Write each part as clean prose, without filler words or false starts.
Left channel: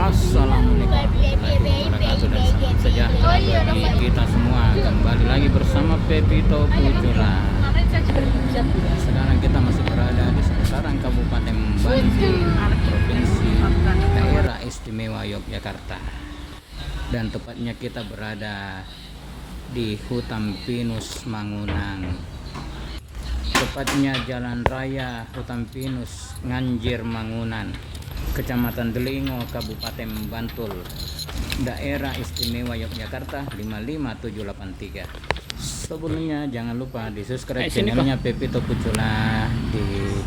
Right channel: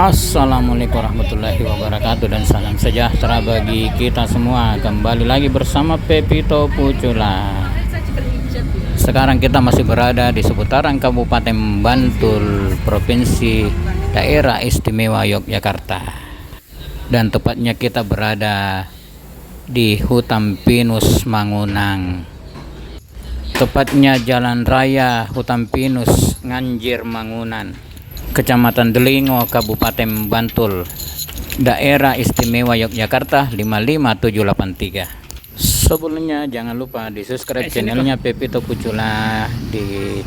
Assalamualaikum warahmatullahi wabarakatuh dan salam sejahtera bagi kita semua. Kembali lagi bersama Pepito Pucula. Sekarang kita masih berada di seputaran Kabupaten Bantul, Provinsi Daerah Istimewa Yogyakarta. Dan tepatnya kita berada di Hutan Pinus Mangunang. Tepatnya Jalan Raya Hutan Pinus Nganjir Mangunan, Kecamatan Delingo, Kabupaten Bantul, Daerah Istimewa Yogyakarta 55783. Sebelumnya jangan lupa di subscribe channelnya Pepito Pucula, di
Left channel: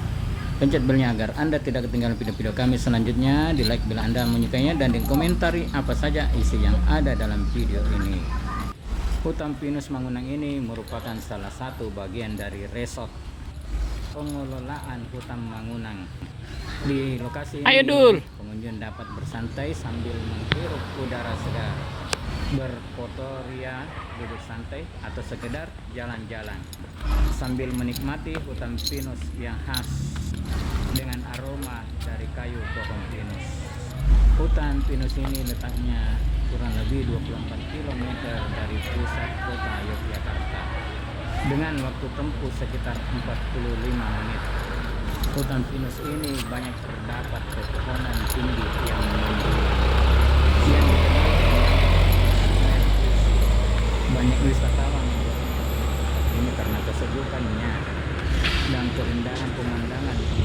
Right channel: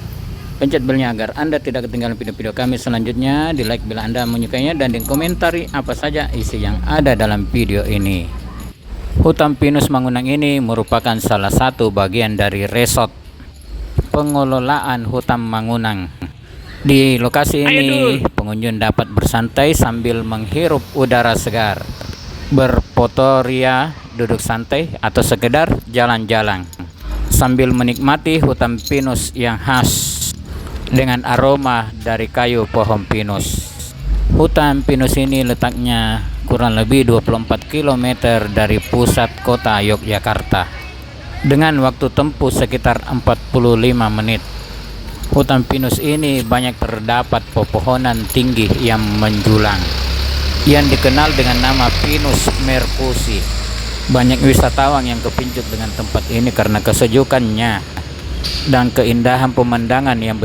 pencet belnya agar Anda tidak ketinggalan video-video kami selanjutnya, di like bila Anda menyukainya, dan di komentari apa saja isi yang ada dalam video ini. Hutan Pinus Mangunang ini merupakan salah satu bagian dari resort pengelolaan Hutan Mangunang. Di lokasi ini pengunjung dapat bersantai sambil menghirup udara segar, berfotoria, duduk santai, atau sekedar jalan-jalan sambil menikmati hutan pinus yang khas dengan aroma dari kayu pohon pinus. Hutan pinus ini letaknya kurang lebih 24 km dari pusat kota Yogyakarta dengan waktu tempuh sekitar 45 menit. Hutan pinus ini banyak terdapat pepohonan tinggi yang menjulang yang dikenal dengan nama Pinus merkusi. Banyak wisatawan yang kepincut dengan tempat ini karena kesejukannya dan keindahan pemandangan yang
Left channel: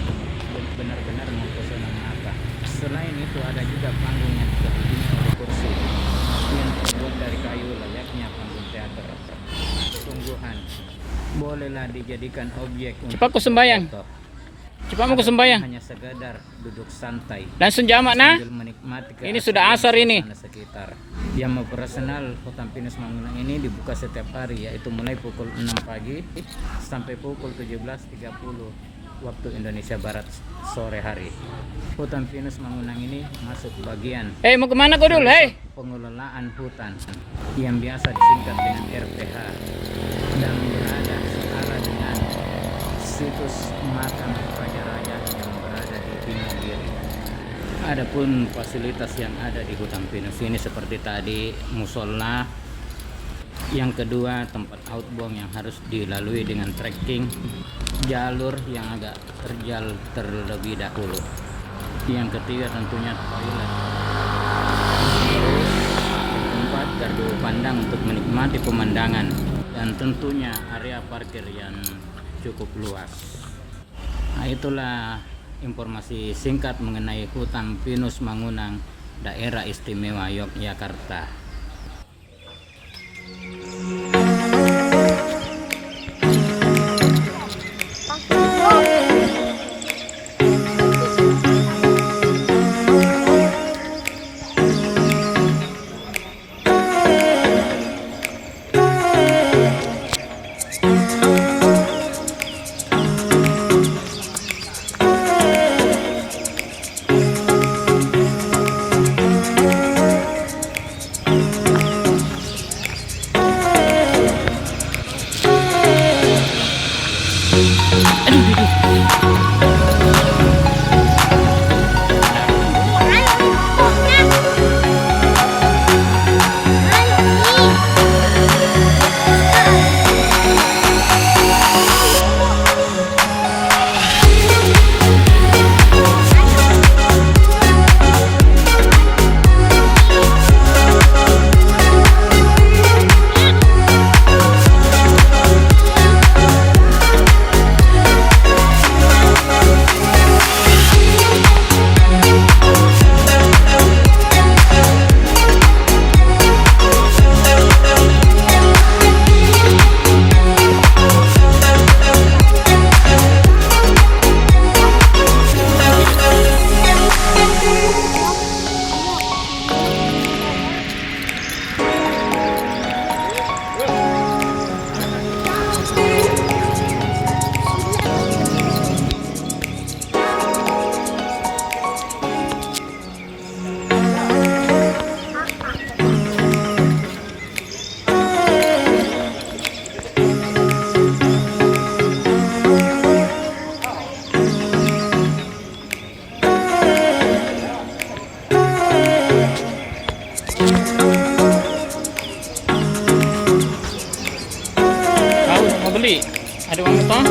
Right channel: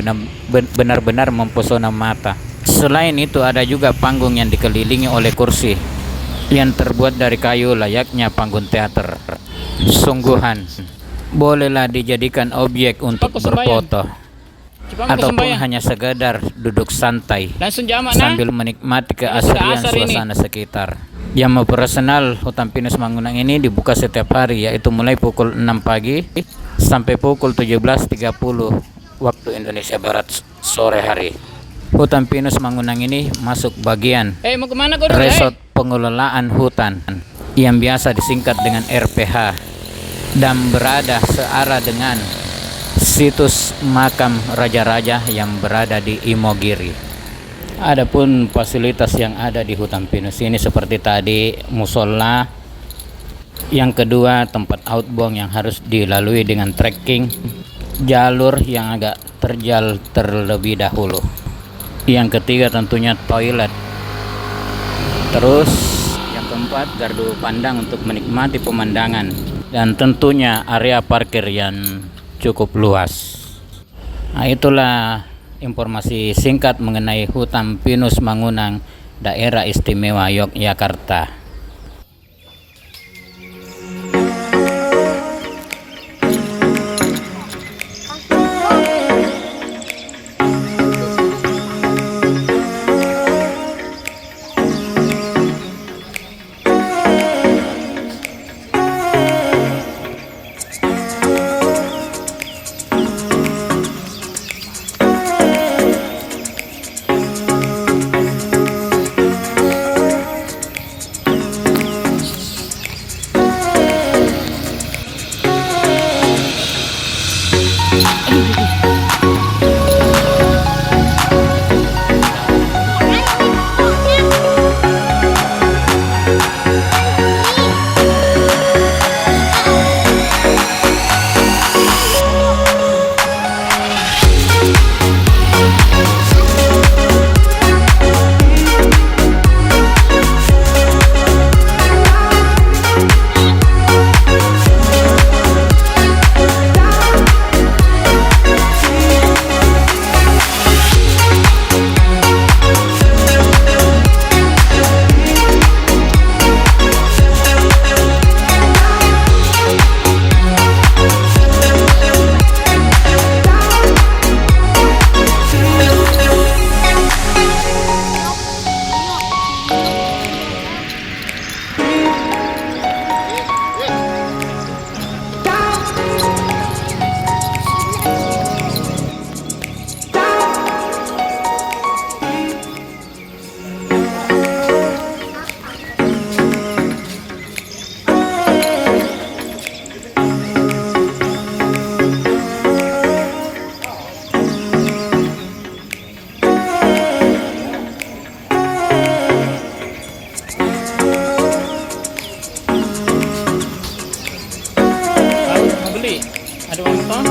benar-benar mempesona mata. Selain itu ada juga panggung yang dikelilingi oleh kursi yang terbuat dari kayu layaknya panggung teater. Sungguhan bolehlah dijadikan objek untuk berfoto ataupun hanya sekedar duduk santai sambil menikmati keasrian suasana sekitar. Yang operasional Hutan Pinus Mangunang ini dibuka setiap hari, yaitu mulai pukul 6 pagi sampai pukul 17.30 waktu Indonesia Barat sore hari. Hutan Pinus Mangunang ini masuk bagian resort pengelolaan hutan yang biasa disingkat dengan RPH dan berada searah dengan situs makam raja-raja yang berada di Imogiri. Adapun fasilitas yang ada di Hutan Pinus ini seperti tadi musola, yang kedua tempat outbound yang harus dilalui dengan trekking, jalur yang agak terjal terlebih dahulu, yang ketiga tentunya toilet, terus yang keempat gardu pandang untuk menikmati pemandangan, dan tentunya area parkir yang cukup luas. Nah, itulah informasi singkat mengenai Hutan Pinus Mangunang, Daerah Istimewa Yogyakarta. beli. Ada uang toh?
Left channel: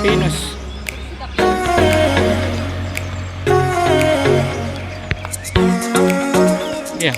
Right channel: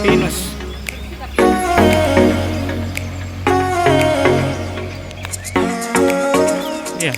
Pinus. Iya.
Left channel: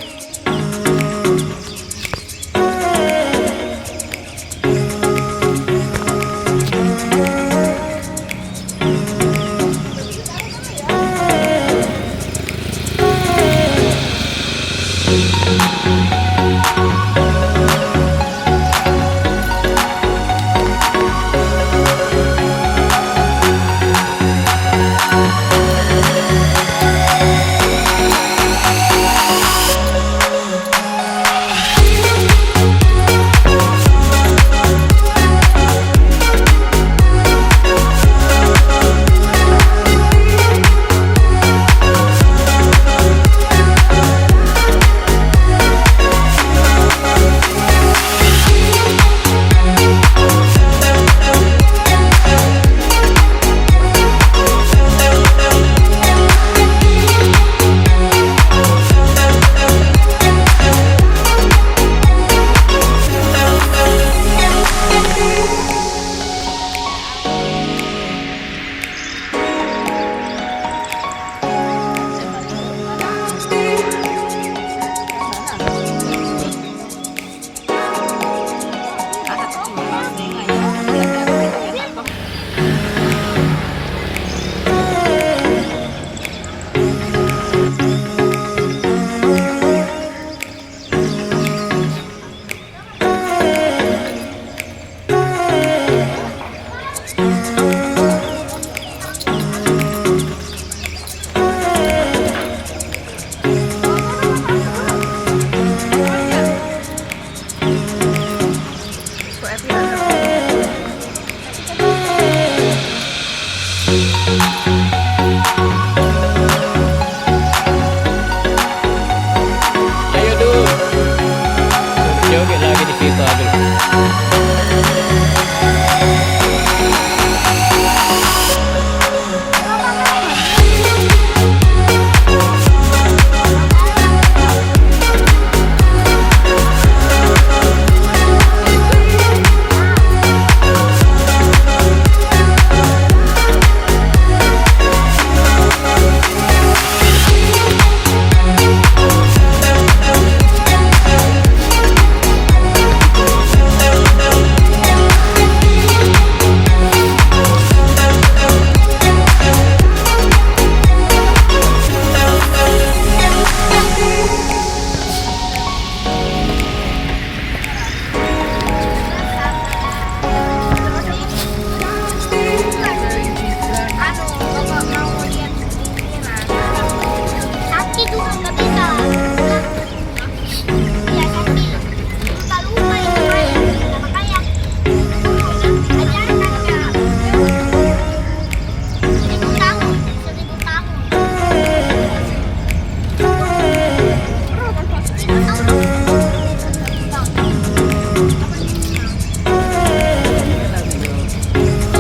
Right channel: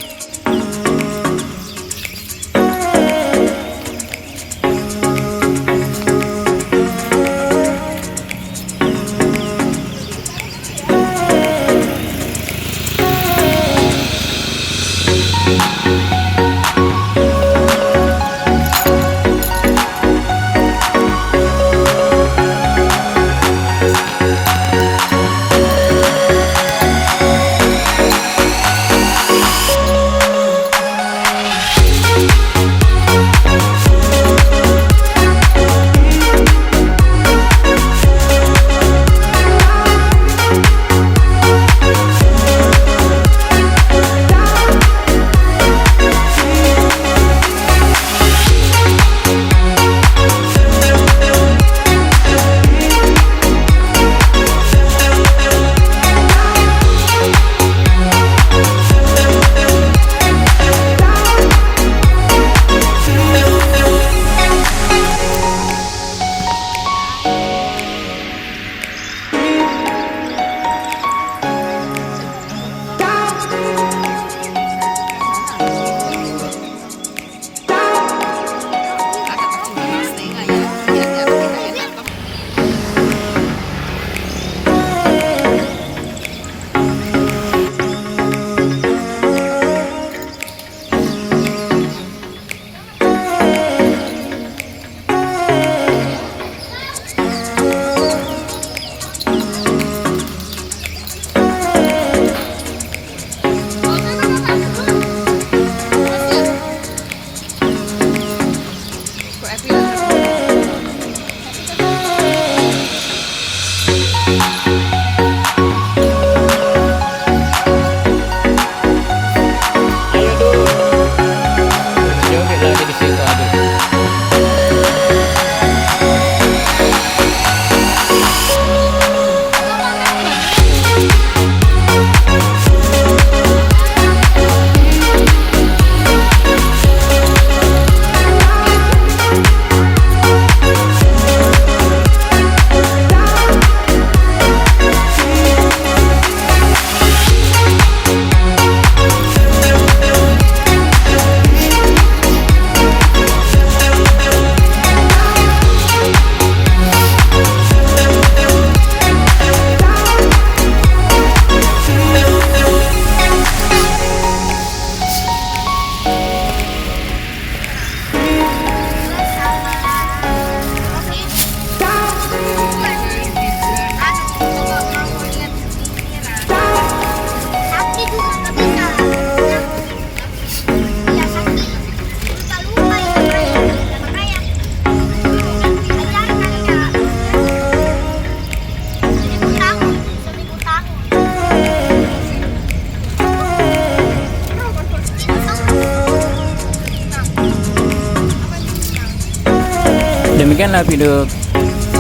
Demikianlah video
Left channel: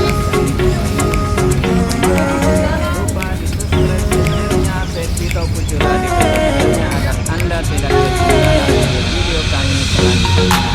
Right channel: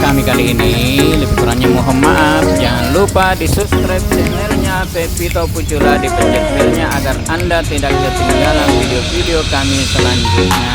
kami kali ini. Lebih kurang Mohon maaf, jangan lupa di subscribe channelnya Pepito Pucula, di pencet belnya agar Anda tidak ketinggalan video-video kami selanjutnya.